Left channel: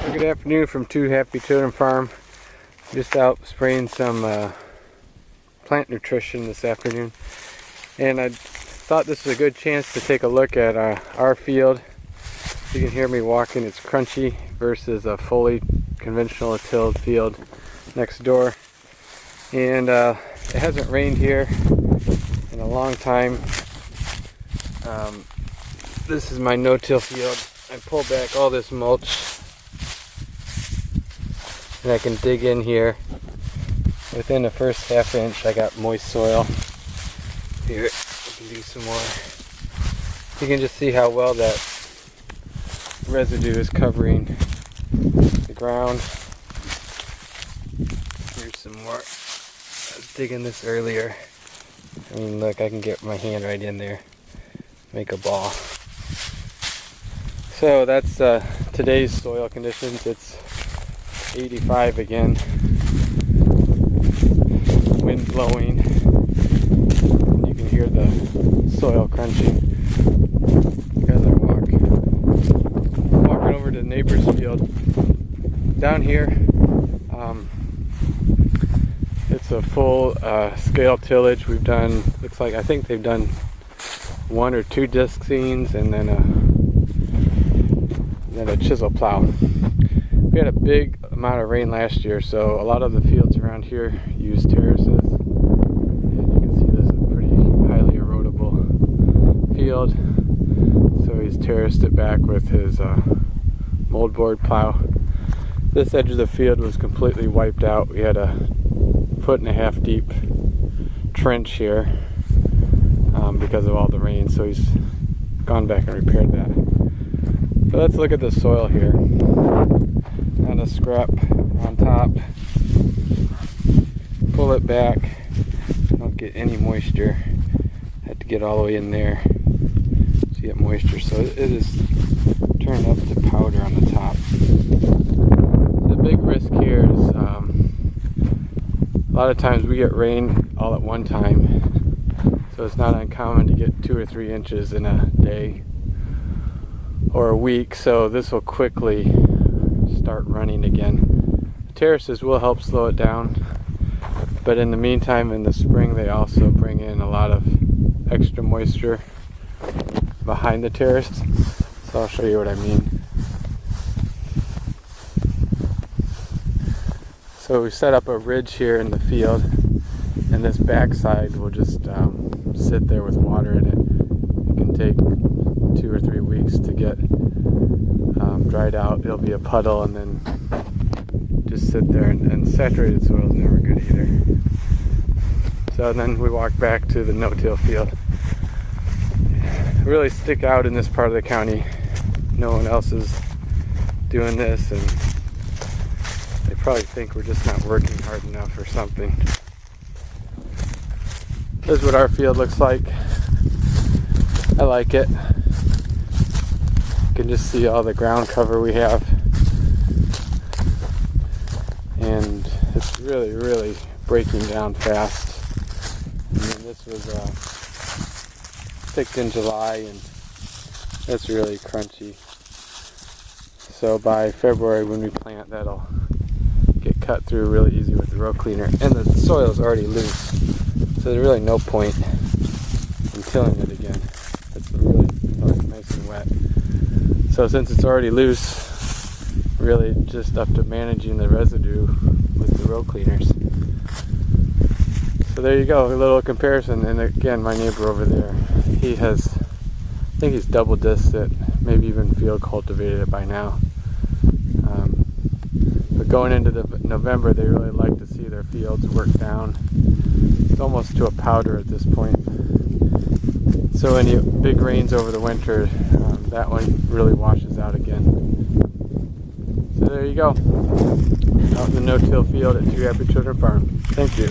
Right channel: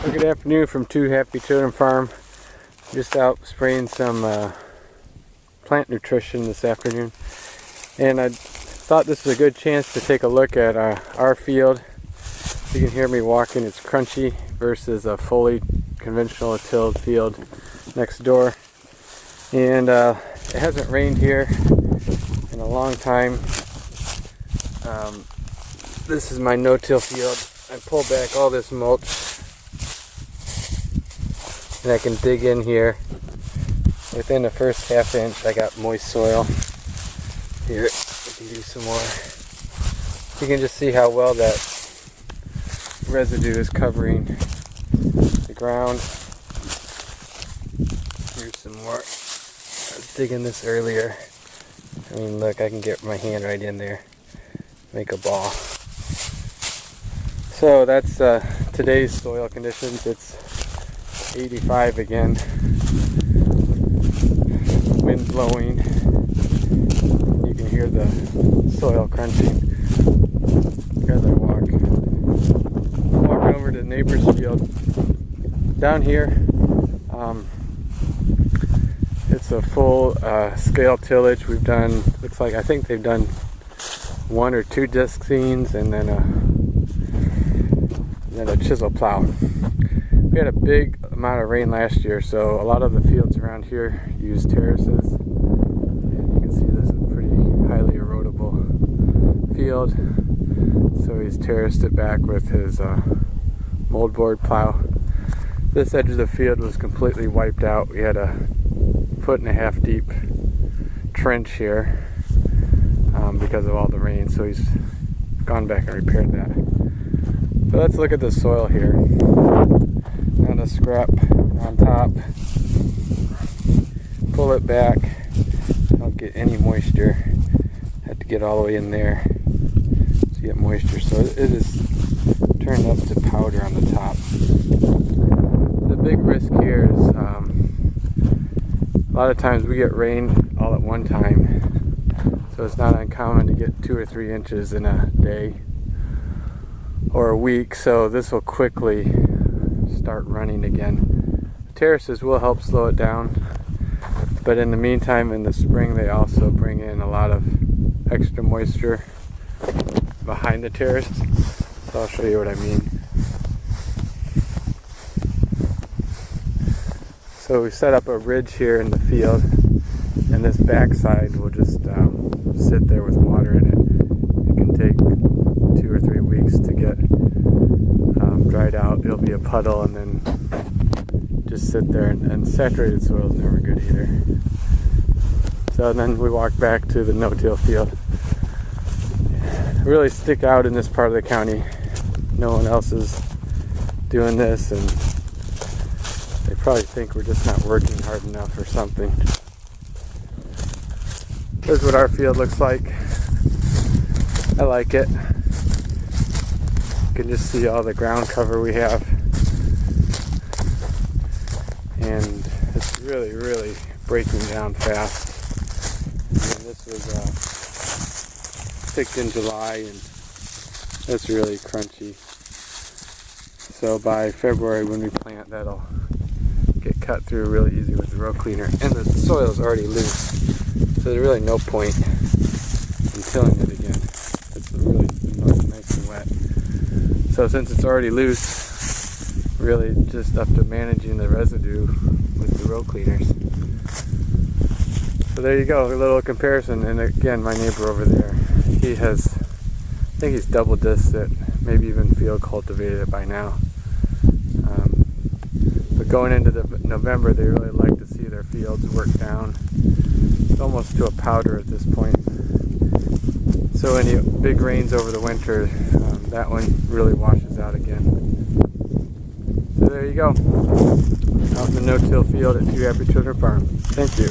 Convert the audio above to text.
Well, good afternoon from Two Happy Children Farm. Just out spraying some plant nutrition this afternoon, and I thought this was a good chance to take a look at our field. You can hear me walking. It's crunchy versus a fully conventional tilled field next door, and it hasn't rained here in a long time. This is my no-till field. I pulled back all this mulch, and I can dig in here. Within the first half inch I got moist soil. Here, I can do some more. You can just see how well that residue is covering the ground. Here's some more. I was digging this earlier. I mean, look, I can get my hand right in there, make a ball. So that's today's soil conditions. It's 85 again, wind blowing, and you can hear the soil crunching as I walk. I'm walking over to the neighbor's field. Down here, it's a full scale tillage. We've done, looks like, I think they've done 1 or 2 disc seams and then a chisel plow. We had a big amount of rain last year, so a lot of the fields around here use terraces, and you can see this is a pretty highly erodible field. So he's terraced it back with his moldboard plow. This edge of the field was completely wiped out. We had a 1.5 foot deep trench here because of all the rain, so he's gone back and repaired that. But let's look at the soil here. Got a scrap on top. Pull it back. Don't get any moisture. Have to get all the way in there to get moisture. So it is turned up to powder on the top. The big risk here is a lot of times we get rain all at one time. So it's not uncommon to get 2 or 3 inches in a day or a week, so this will quickly start running again. The terraces will help slow it down, but in the meantime, in the spring, they also bring in a lot of extra moisture behind the terrace. So I'll show you what I mean. So we set up a ridge here in the field, and this backside will just sit there with water in it. It can take 2 or 3 weeks to get dried out. It'll be a puddle and then just sit there, and saturated soil is never good either. So then we walk back to the no-till field. Really stick out in this part of the county. No one else is doing this, and they probably think we're just not working hard enough or something. This is what our field looks like. I like it. You can just see all the ground cover we have, and it's really breaking down fast. And then this was picked in July, and it's really crunchy. So by February, when we plant, that'll get cut through really easy with the row cleaner, and the soil is already loose, so there's really no point in tilling it again. It's really nice and wet. So since it's already loose, really just up to managing the residue with the row cleaners. So there you go, a little comparison. And again, my neighbor over there, he has, I think he's double disked it, maybe even field cultivated it by now. But going into November, they really like to see their fields worked down. It's almost to a powder at this point. So any big rains over the winter, that one really washes out again. So there you go, out in the no-till field at Two Happy Children Farm. Thank you.